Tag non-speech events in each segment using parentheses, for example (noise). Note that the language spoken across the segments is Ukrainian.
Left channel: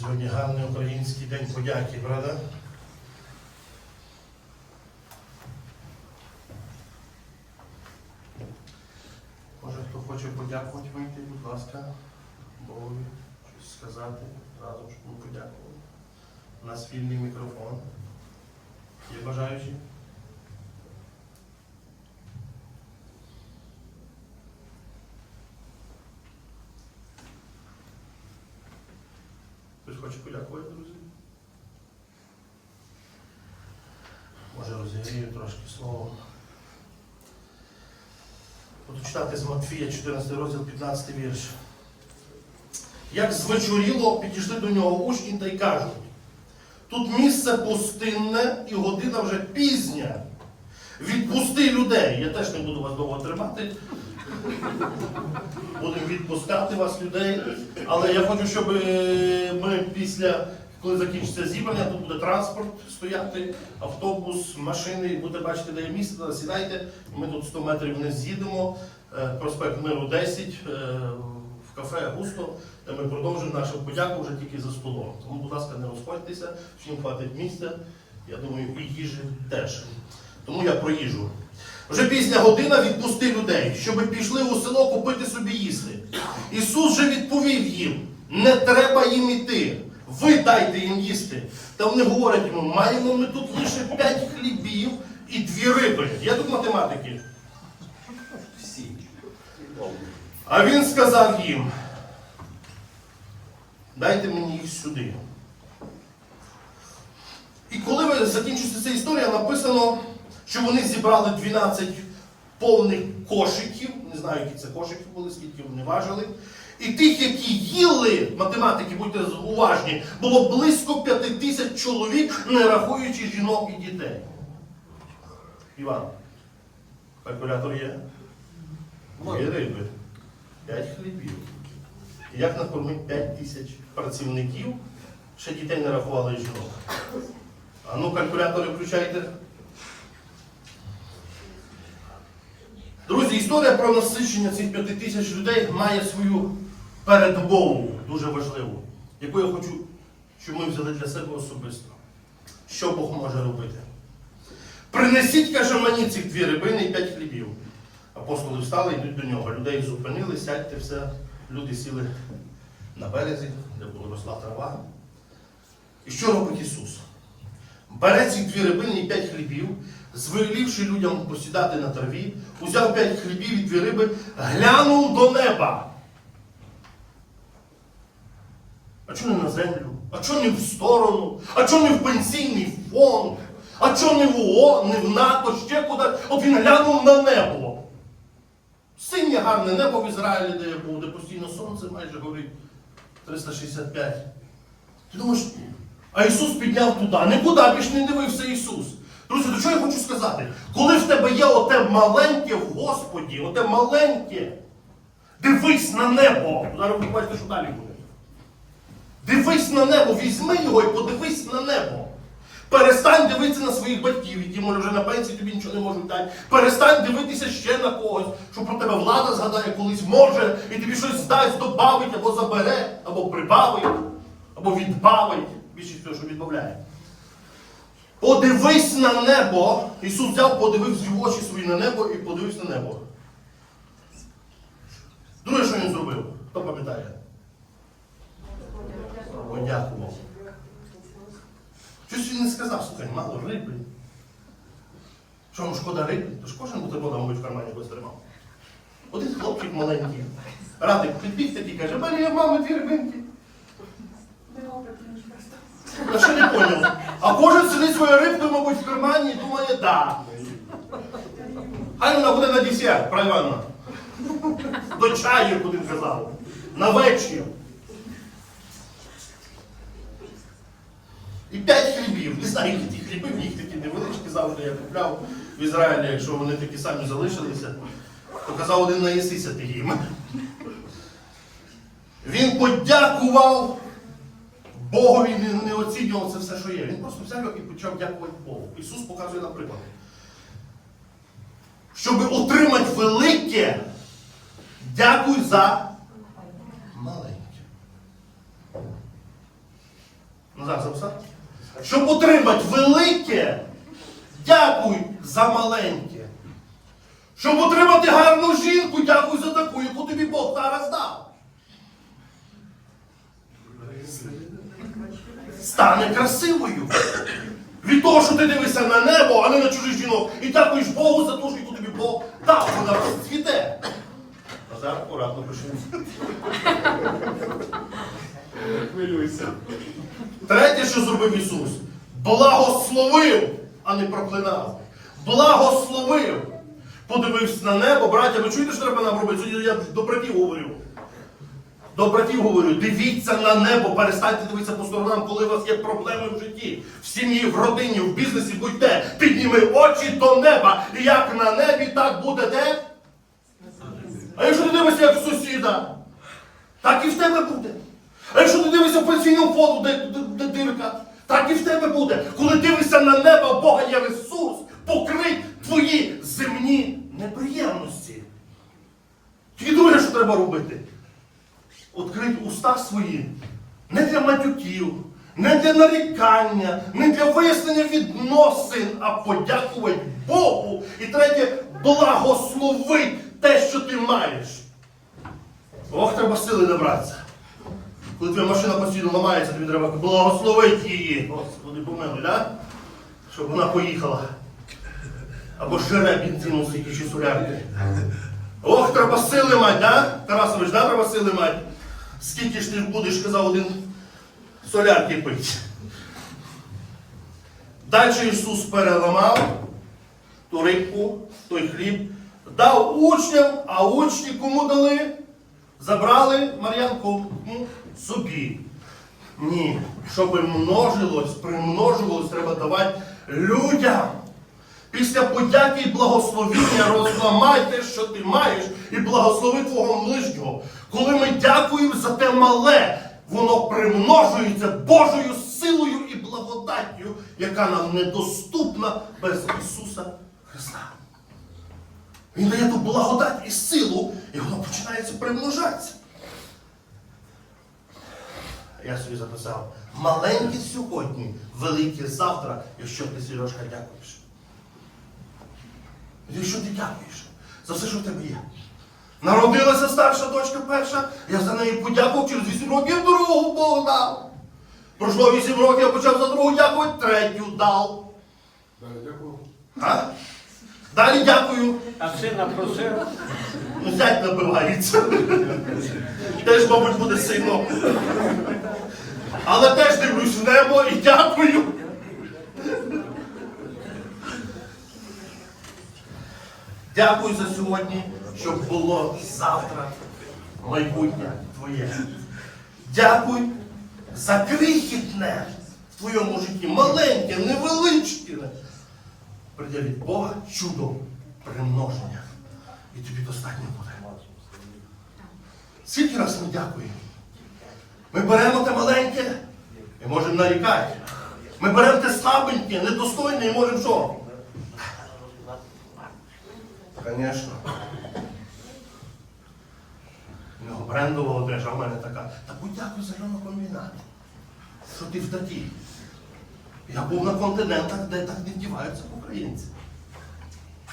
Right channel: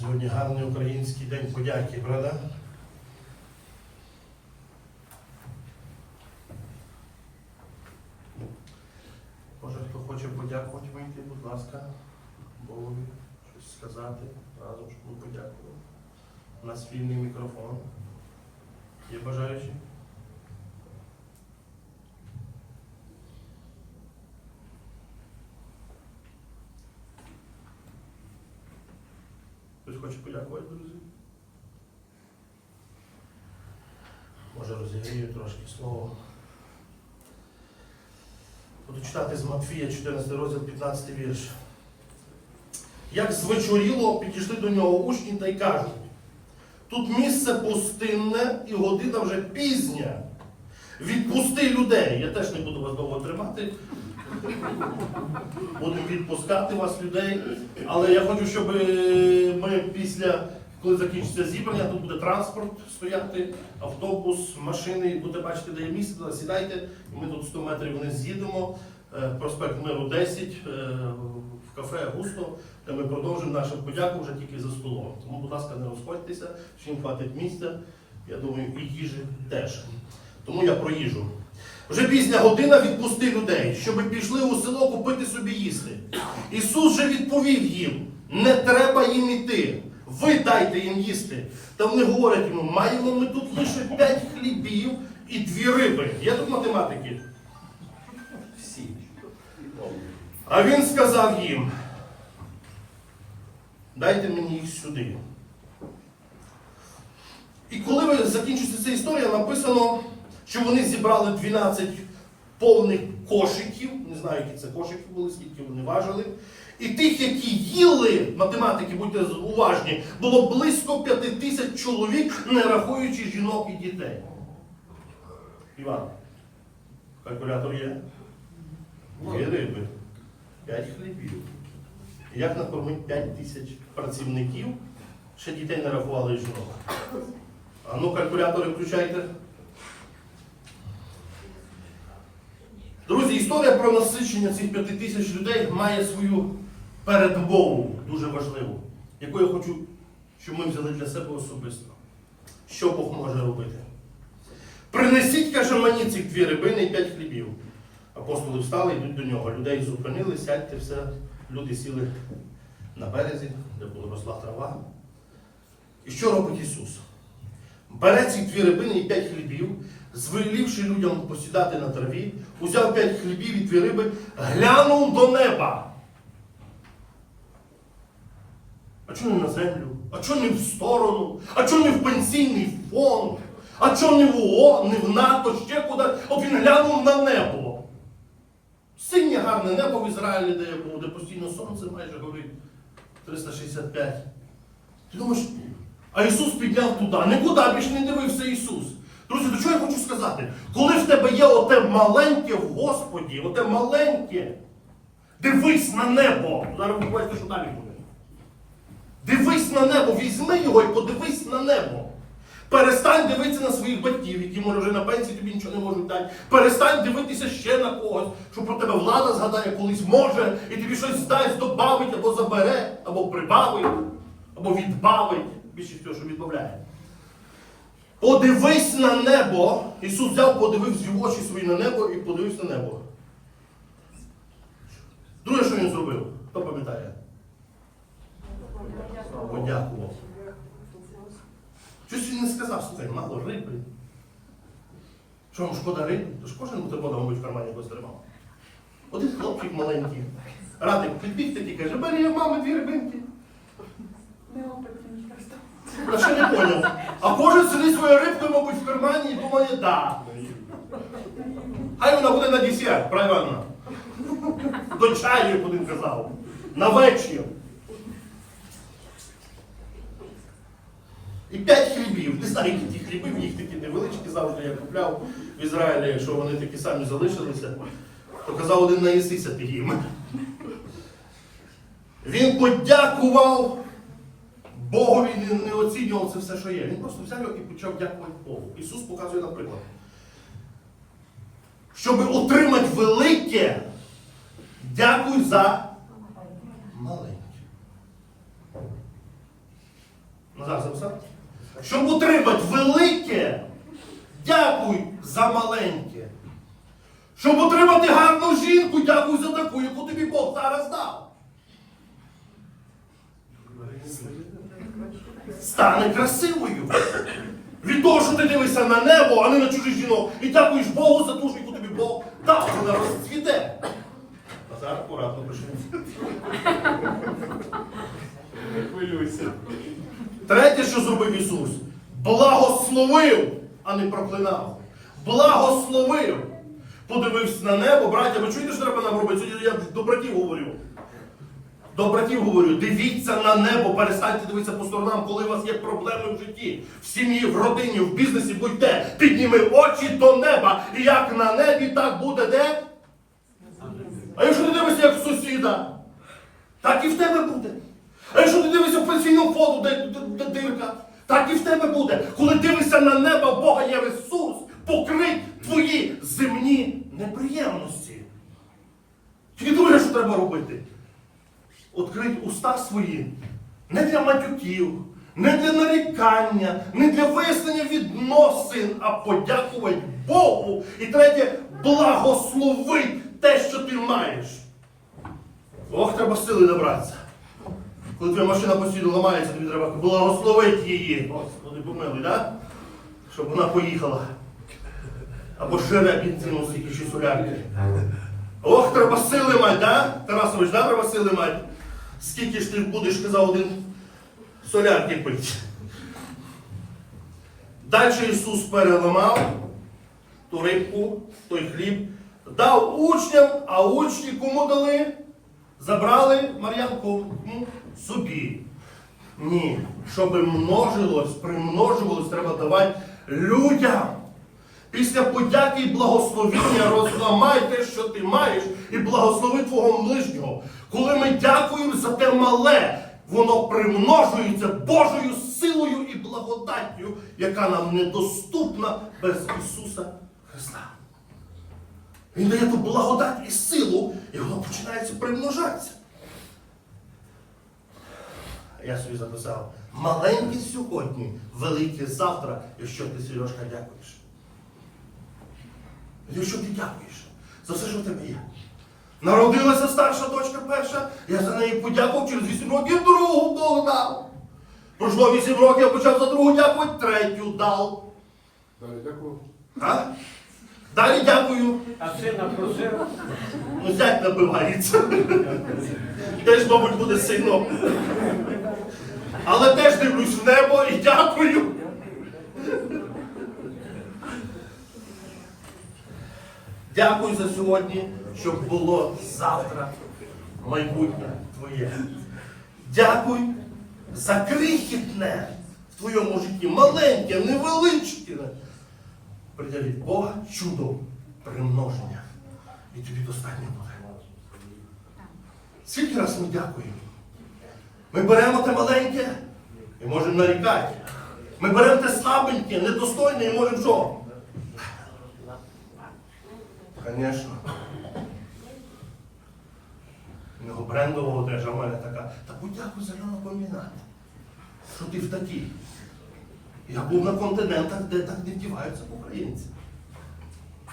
Сьогодні гарний український день подяки, правда? Може, хто хоче подякувати вийти, будь ласка, Богові, щось сказати, разом, щоб ми подякували. У нас вільний мікрофон. Є бажаючі? Хтось хоче подякувати, друзі? Може розігрію трошки словом. Буду читати з Матфія, 14 розділ, 15 вірш. Як звечоріло, підійшли до нього учні та й кажуть, тут місце пустинне і година вже пізня. Відпусти людей. Я теж не буду вас довго тримати. Будемо відпускати вас, людей. Але я хочу, щоб е, ми після, коли закінчиться зібрання, тут буде транспорт стояти, автобус, машини, і будете бачити, де є місце, сідайте. Ми тут 100 метрів вниз з'їдемо. Е, Проспект Миру 10, е, в кафе Густо, де ми продовжимо нашу подяку вже тільки за столом. Тому, будь ласка, не розходьтеся, всім хватить місця. Я думаю, і їжі теж. Тому я про їжу. Вже пізня година відпусти людей, щоб пішли у село купити собі їсти. Ісус же відповів їм: не треба їм іти. Ви дайте їм їсти. Та вони говорять йому, маємо ми тут лише п'ять хлібів і дві риби. Є тут математики? Всі. А він сказав їм: дайте мені їх сюди. І коли ви закінчиться ця історія, написано, що вони зібрали 12 повних кошиків. Не знаю, які це кошики були, скільки вони важили. І тих, які їли, математики, будьте уважні, було близько 5 тисяч чоловік, не рахуючи жінок і дітей. Іван, калькулятор є? Дві риби, п'ять хлібів. Як накормити 5 тисяч працівників, ще дітей не рахували і жінок. А ну, калькулятори включайте. Друзі, історія про насичення цих 5 тисяч людей має свою передмову, дуже важливу, яку я хочу, щоб ми взяли для себе особисто. Що Бог може робити? Принесіть, каже мені, цих дві рибини і п'ять хлібів. Апостоли встали, йдуть до нього. Людей зупинили, сядьте все. Люди сіли на березі, де була росла трава. І що робить Ісус? Бере ці дві рибини і п'ять хлібів, звелівши людям посідати на траві, узяв п'ять хлібів і дві риби, глянув до неба. А чого не на землю? А чого не в сторону? А чого не в пенсійний фонд? А чого не в ООН, не в НАТО, ще куди? От він глянув на небо. Синє гарне небо в Ізраїлі, де я був, де постійно сонце майже горить 365. Ти думаєш, а Ісус підняв туди. Нікуди більш не дивився Ісус. Друзі, до чого я хочу сказати? Коли в тебе є оте маленьке в Господі, оте маленьке, дивись на небо. Зараз ви побачите, що далі буде. Дивись на небо, візьми його і подивись на небо. Перестань дивитися на своїх батьків, які може вже на пенсії тобі нічого не можуть дати. Перестань дивитися ще на когось, що про тебе влада згадає колись може, і тобі щось здасть, добавить, або забере, або прибавить, або відбавить. Більшість того, що відбавляє. Подивись на небо. Ісус взяв, подивився в очі свої на небо і подивився на небо. Друге, що він зробив? Хто пам'ятає? Подякував. Щось він не сказав, слухай, мало риби. Що вам шкода риби? То ж кожен бутерброд, мабуть, в кармані якось тримав. Один хлопчик маленький. Радик підбіг такий каже, Марія, мама, дві рибинки. Я ще не поняв. А кожен сидить своєю рибкою, мабуть, в кармані і думає, да. Хай вона буде на десерт, про. До чаю, як один казав. На вечір. І п'ять хлібів. Не знаю, які ті хліби, в них такі невеличкі завжди я купляв в Ізраїлі, якщо вони такі самі залишилися, то казав один наїстися ти їм. Він подякував Богові, не, не оцінював це все, що є. Він просто взяв його і почав дякувати Богу. Ісус показує наприклад. Щоб отримати велике, дякуй за маленьке. Назар записав? Щоб отримати велике, дякуй за маленьке. Щоб отримати гарну жінку, дякуй за таку, яку тобі Бог зараз дав. Стане красивою. Від того, що ти дивишся на небо, а не на чужих жінок, і дякуєш Богу за ту, яку тобі Бог дав, вона розцвіте. Назар, акуратно пишемо. Хвилюйся. Третє, що зробив Ісус, благословив, а не проклинав. Благословив. Подивився на небо, браття, ви чуєте, що треба нам робити? Сьогодні я до братів говорю. До братів говорю, дивіться на небо, перестаньте дивитися по сторонам, коли у вас є проблеми в житті, в сім'ї, в родині, в бізнесі будьте. Підніми очі до неба. І як на небі, так буде де? А якщо ти дивишся, як сусіда, так і в тебе буде. А якщо ти дивишся в пенсійному фонду, де, де, де дирка, так і в тебе буде. Коли дивишся на небо, в Бога є ресурс, покрить твої земні неприємності. Тільки друге, що треба робити. Открить уста свої не для матюків, не для нарікання, не для вияснення відносин, а подякувати Богу. І третє, благословить те, що ти маєш. Ох, треба сили набратися. Коли твоя машина постійно ламається, тобі треба благословити її. Господи, помилуй, да? Щоб вона поїхала. Або жере бензину стільки чи солярки. Ох, треба сили мати, да? Тарасович, да, треба сили мати. Скільки ж ти будеш, казав один солярки пить. Далі Ісус переламав ту рибку, той хліб, дав учням, а учні кому дали? Забрали Мар'янку м, собі. Ні, щоб множилось, примножувалось, треба давати людям. Після подяки і благословіння розламай те, що ти маєш, і благослови твого ближнього. Коли ми дякуємо за те мале, воно примножується Божою силою і благодаттю, яка нам недоступна без Ісуса Христа. Він дає ту благодать і силу, і воно починається примножатися. Я собі записав. Маленькі сьогодні, великі завтра, якщо ти, Сережка, дякуєш. Якщо ти дякуєш за все, що в тебе є. Народилася старша дочка перша, я за неї подякував через 8 років другу Бог дав. Пройшло 8 років, я почав за другу дякувати, третю дав. Далі, дякую. А? Далі дякую. А сина просив? Ну, зять набивається. Теж, мабуть, буде сином. Але теж дивлюсь в небо і дякую. Дякую за сьогодні, щоб було завтра майбутнє твоє. Дякуй за крихітне в твоєму житті, маленьке, невеличке. Прийде Бога чудо примноження. І тобі достатньо буде. Скільки раз ми дякуємо? Ми беремо те маленьке і можемо нарікати. Ми беремо те слабеньке, недостойне і можемо що? Звісно. У нього брендова одежа в мене така. Та подякуй за комбінат. Що ти в такій? Я був на континентах, де так не вдіваються українці.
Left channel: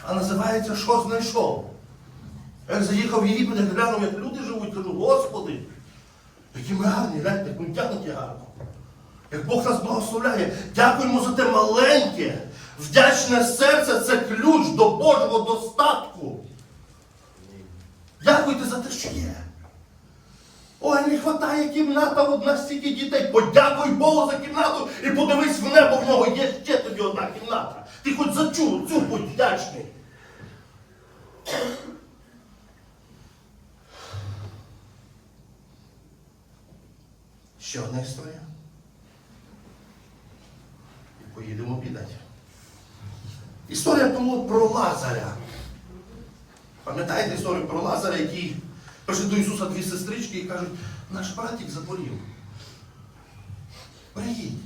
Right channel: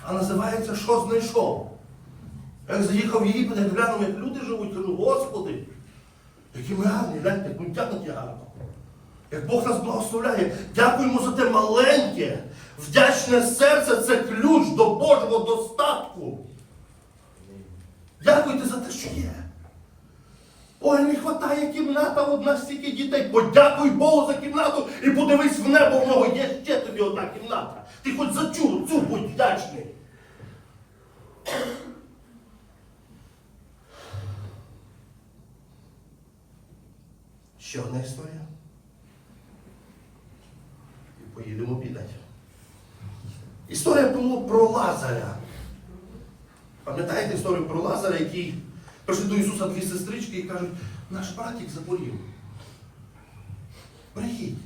А називається Що знайшов? Як заїхав в Єгипет, як глянув, як люди живуть, кажу, Господи, які ми гарні, гляньте, як ми вдягнуті гарно. Як Бог нас благословляє, дякуємо за те маленьке, вдячне серце це ключ до Божого достатку. Дякуйте за те, що є. Ой, не вистачає кімната, одна стільки дітей. Подякуй Богу за кімнату і подивись в небо, в нього є ще тобі одна кімната. Ти хоч за цю, цю будь вдячний. Ще одна історія. І поїдемо обідати. Історія була про Лазаря. Пам'ятаєте історію про Лазаря, який прийшли до Ісуса дві сестрички і кажуть, наш братик захворів. Приїдь.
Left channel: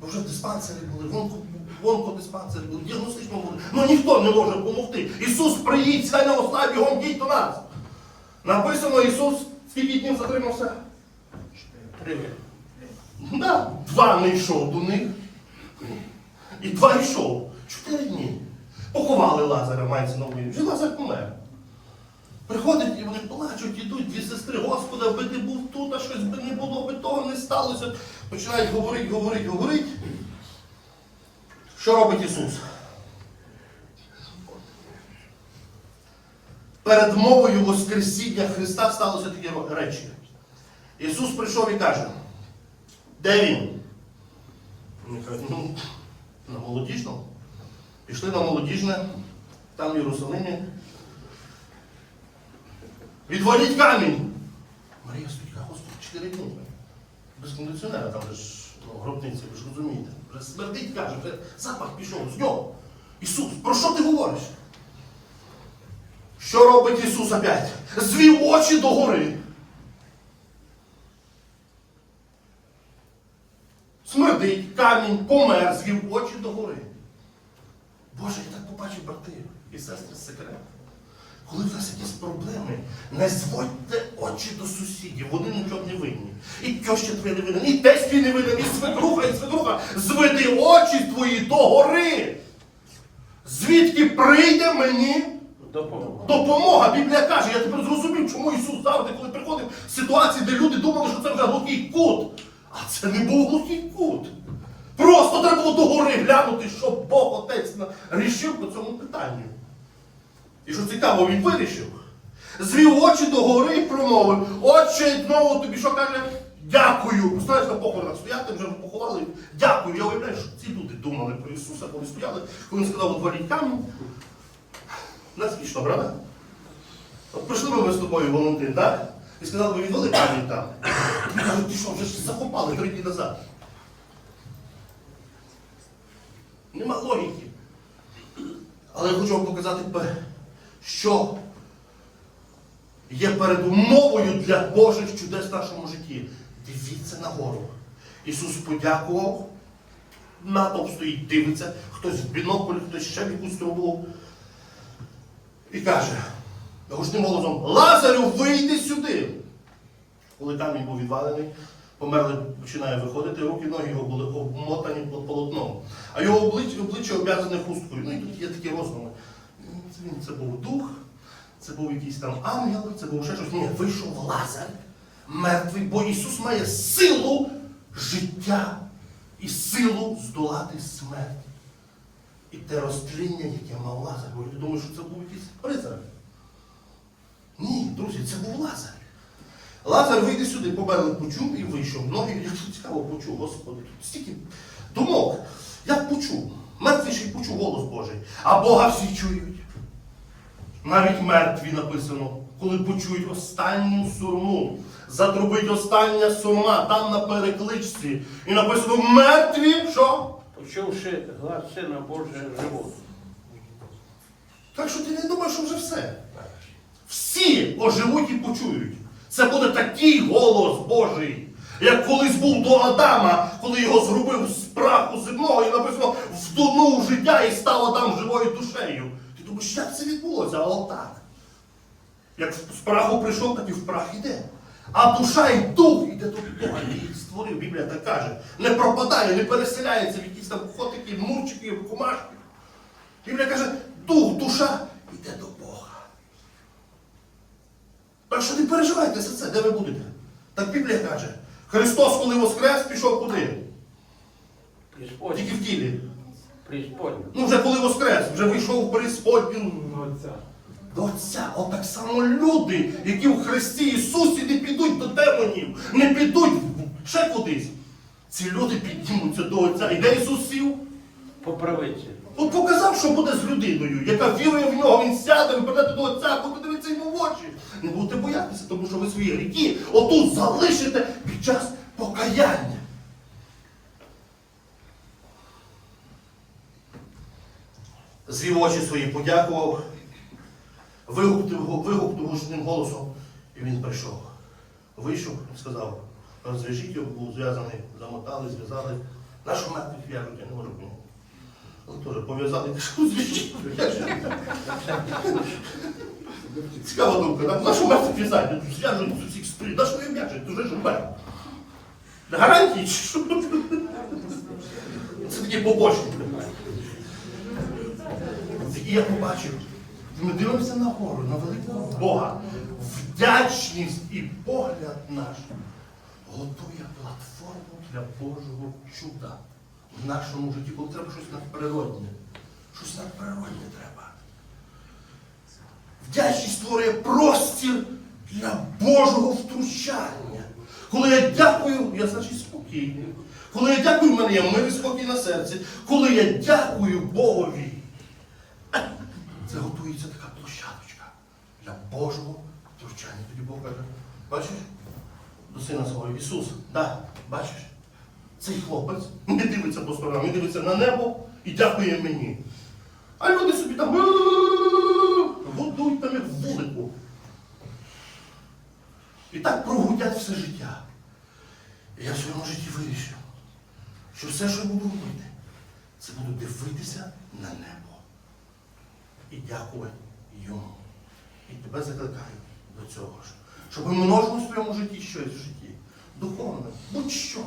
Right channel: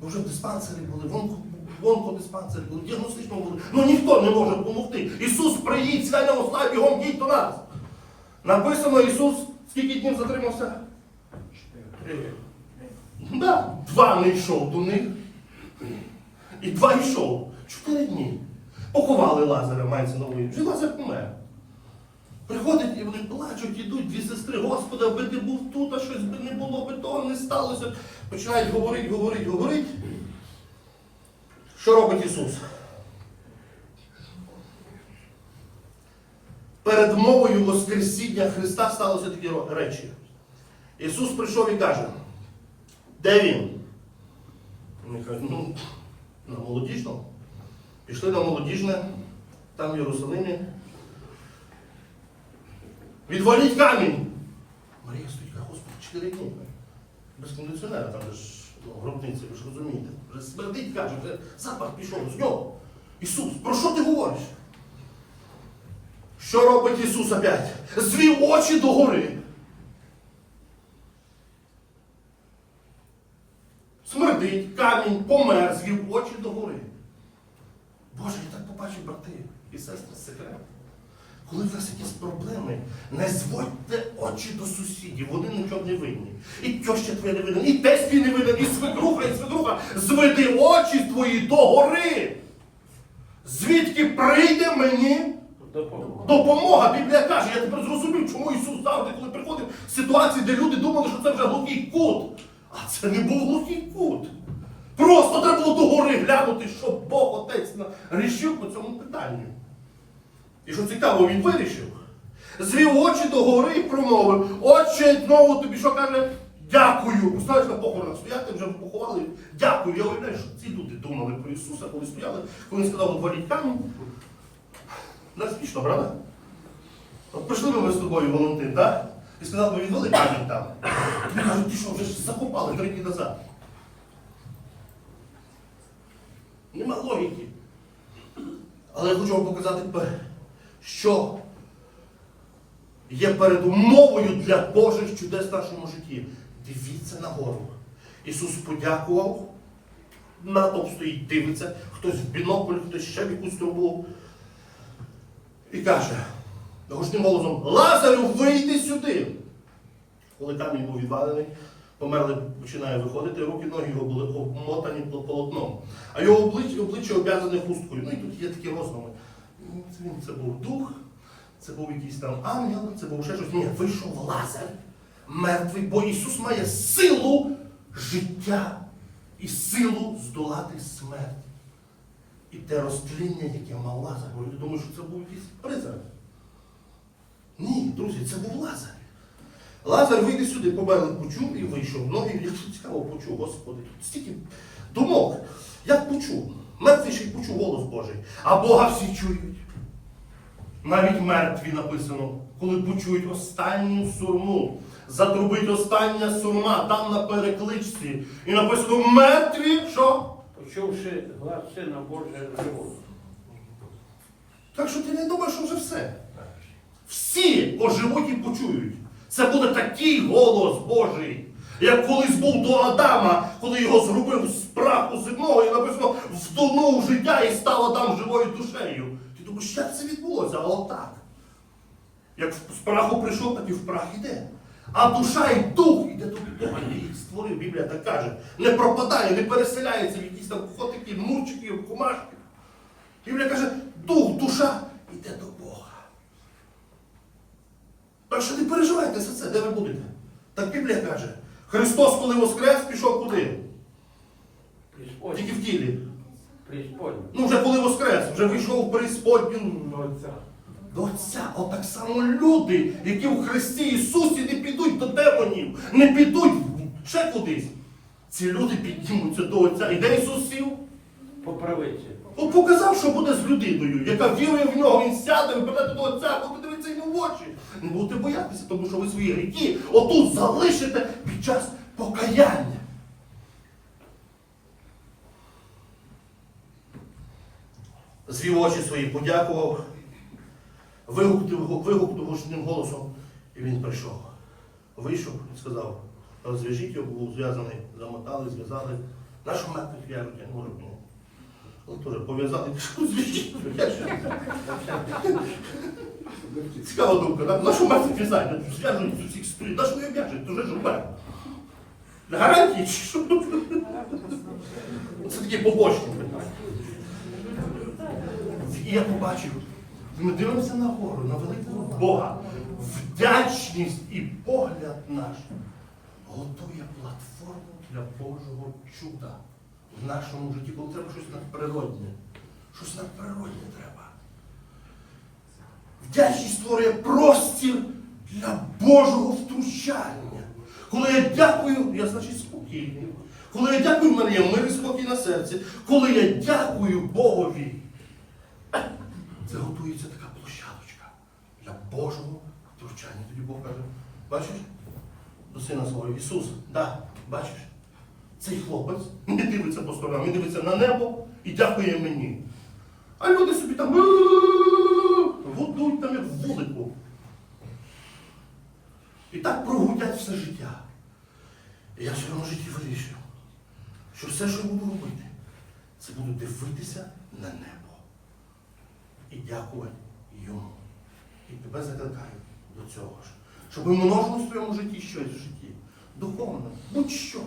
Бо вже в диспансері були, в онко- онкодиспансері були, в діагностичному були. Ну ніхто не може допомогти. Ісус приїдь, стай на ослаб, бігом їдь до нас. Написано, Ісус скільки днів затримався? Три. Да, два не йшов до них. І два йшов. Чотири дні. Поховали Лазаря, мається на. Вже Лазар помер. Приходять і вони плачуть, ідуть дві сестри, Господи, аби ти був тут, а щось би не було, би того не сталося. Починають говорити, говорити, говорити. Що робить Ісус? Перед мовою Воскресіння Христа сталося такі речі. Ісус прийшов і каже, де він? Вони кажуть, ну, на молодіжному. Пішли на молодіжне, там в Єрусалимі. Відваліть камінь. Марія стоїть, Господи, чотири дні. Без кондиціонера, там ж ну, гробниці, ви ж розумієте. Вже смердить, каже, вже запах пішов з нього. Ісус, про що ти говориш? Що робить Ісус опять? Звів очі догори. Смердить, камінь, помер, звів очі догори. Боже, я так побачив, брати і сестри, секрет. Коли в нас якісь проблеми, не зводьте очі до сусідів, вони нічого не винні. І тьоща твоя не винна, і тесть твій не винен, і свекруха, і свекруха. Зведи очі твої догори. Звідки прийде мені Допомога. Допомога, Біблія каже, я тепер зрозумів, чому Ісус завжди, коли приходив в ситуації, де люди думали, що це вже глухий кут. А це не був глухий кут. Просто треба було догори глянути, що Бог Отець рішив по цьому питанню. І що цікаво, він вирішив. Звів очі догори і промовив. Отче, знову тобі що каже? Дякую. Знаєш, на похоронах стояти, вже поховали. Дякую. Я уявляю, що ці люди думали про Ісуса, коли стояли, коли він сказав, отворіть камінь. Не смішно, правда? От прийшли ми з тобою, Валентин, так? І сказали би, відвали камінь там. Він каже, ти що, вже закопали три дні назад. Нема логіки. Але я хочу вам показати, що є передумовою для Божих чудес в нашому житті. Дивіться нагору. Ісус подякував, натовп стоїть, дивиться, хтось в бінокль, хтось ще в якусь трубу. І каже гучним голосом: Лазарю, вийди сюди. Коли камінь був відвалений, померли починає виходити, руки, ноги його були обмотані пол- полотном. А його обличчя, обличчя обв'язане хусткою. Ну і тут є такі роздуми. Ну, Це, був дух, це був якийсь там ангел, це був ще щось. Ні, вийшов Лазар, мертвий, бо Ісус має силу життя і силу здолати смерть. І те розтління, яке мав Лазар, люди думають, що це був якийсь призрак. Ні, друзі, це був Лазар. Лазар вийде сюди, померли почув і вийшов. Ноги, якщо цікаво, почув, Господи, тут стільки думок. Як почув? Мертвий ще й почув голос Божий. А Бога всі чують. Навіть мертві написано, коли почують останню сурму. Затрубить остання сурма, там на перекличці. І написано мертві, що? Почувши глас Сина Божого живого. Так що ти не думаєш, що вже все. Всі оживуть і почують. Це буде такий голос Божий, як колись був до Адама, коли його зробив з праху земного і написано втонув життя і став Адам живою душею. Ти думаєш, як це відбулося? А отак. Як з праху прийшов, так і в прах іде. А душа і дух іде до Бога. І створив, Біблія так каже. Не пропадає, не переселяється в якісь там котики, мурчики, кумашки. Біблія каже, дух, душа йде до Бога. Так що не переживайте за це, де ви будете. Так Біблія каже, Христос, коли воскрес, пішов куди? Тільки в тілі. Ну, вже коли воскрес, вже вийшов в преисподню Отця. до Отця. От так само люди, які в Христі Ісусі не підуть до демонів, не підуть ще кудись. Ці люди піднімуться до Отця. І де Ісус сів? По правиці. От показав, що буде з людиною, яка вірує в нього, він сяде, ви прийдете до Отця, будете дивитися йому в очі. Не будете боятися, тому що ви свої гріхи отут залишите під час покаяння. Звів очі свої, подякував, вигукнув, вигукнув гучним голосом, і він прийшов. Вийшов і сказав, розв'яжіть його, був зв'язаний, замотали, зв'язали. Нашу мертвих я не можу Але теж зв'яжіть. як же? Цікава думка, да? нашу мертвих в'язати, зв'яжуть з усіх сторін, нашу не в'яжуть, ти вже ж вмер. Гарантії чи що? Це такі побочні. І я побачив, ми дивимося на гору, на великого Бога. Вдячність і погляд наш готує платформу для Божого чуда в нашому житті, коли треба щось надприродне. Щось надприродне треба. Вдячність створює простір для Божого втручання. Коли я дякую, я значить спокійний. Коли я дякую, в мене є мир і спокій на серці. Коли я дякую Богові, (clears throat) це готується така площадочка для Божого втручання. Тоді Бог каже, бачиш, до сина свого Ісус, да, бачиш, цей хлопець не дивиться по сторонам, він дивиться на небо і дякує мені. А люди собі там гудуть там як вулику. І так прогудять все життя. І я в своєму житті вирішив, що все, що я буду робити, це буду дивитися на небо і дякувати йому. І тебе закликаю до цього ж. Щоб множило в своєму житті щось в житті. Духовне, будь-що,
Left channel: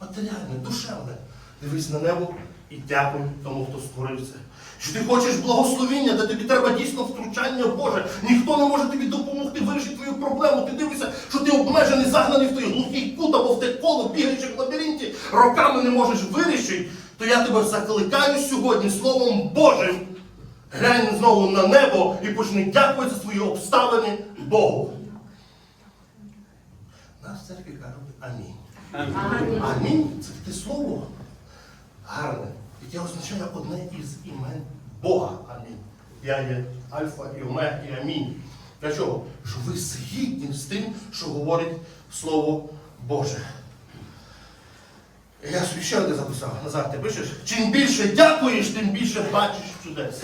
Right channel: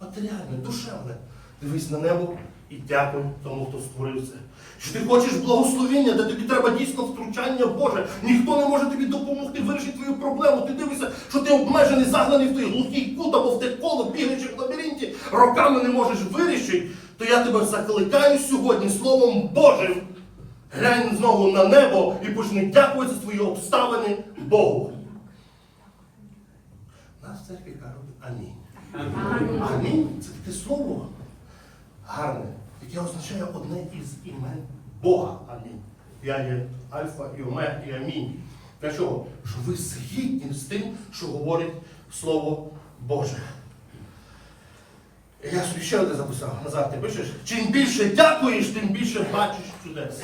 матеріальне, душевне. Дивись на небо і дякуй тому, хто створив це. Що ти хочеш благословіння, де тобі треба дійсно втручання Боже. Ніхто не може тобі допомогти вирішити твою проблему. Ти дивишся, що ти обмежений, загнаний в той глухий кут або в те коло, бігаєш в лабіринті, роками не можеш вирішити, то я тебе закликаю сьогодні Словом Божим. Глянь знову на небо і почни дякувати за свої обставини Богу. Нас церкві кажуть амінь. Амінь. Це таке слово гарне, яке означає одне із імен Бога. Амінь. Я є Альфа і Омега і Амінь. Для чого? Щоб ви згідні з тим, що говорить Слово Боже. Я собі ще одне записав. Назад ти пишеш. Чим більше дякуєш, тим більше бачиш чудес.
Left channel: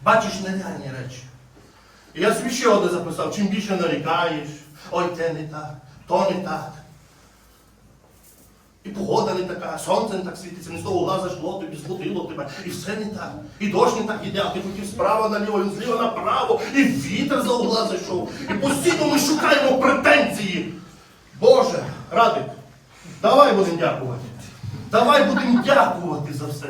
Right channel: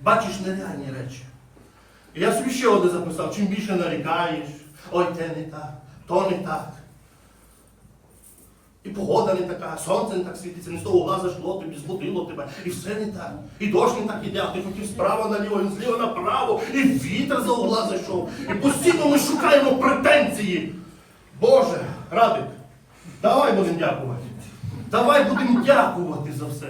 Бачиш нереальні речі. І я собі ще одне записав. Чим більше нарікаєш, ой, те не так, то не так. І погода не така, сонце не так світиться, не з того угла жгло тобі, злотило тебе, і все не так. І дощ не так іде, а ти хотів справа наліво, він зліва направо, і вітер за угла зайшов. І постійно ми шукаємо претензії. Боже, Радик, давай будемо дякувати. Давай будемо дякувати за все.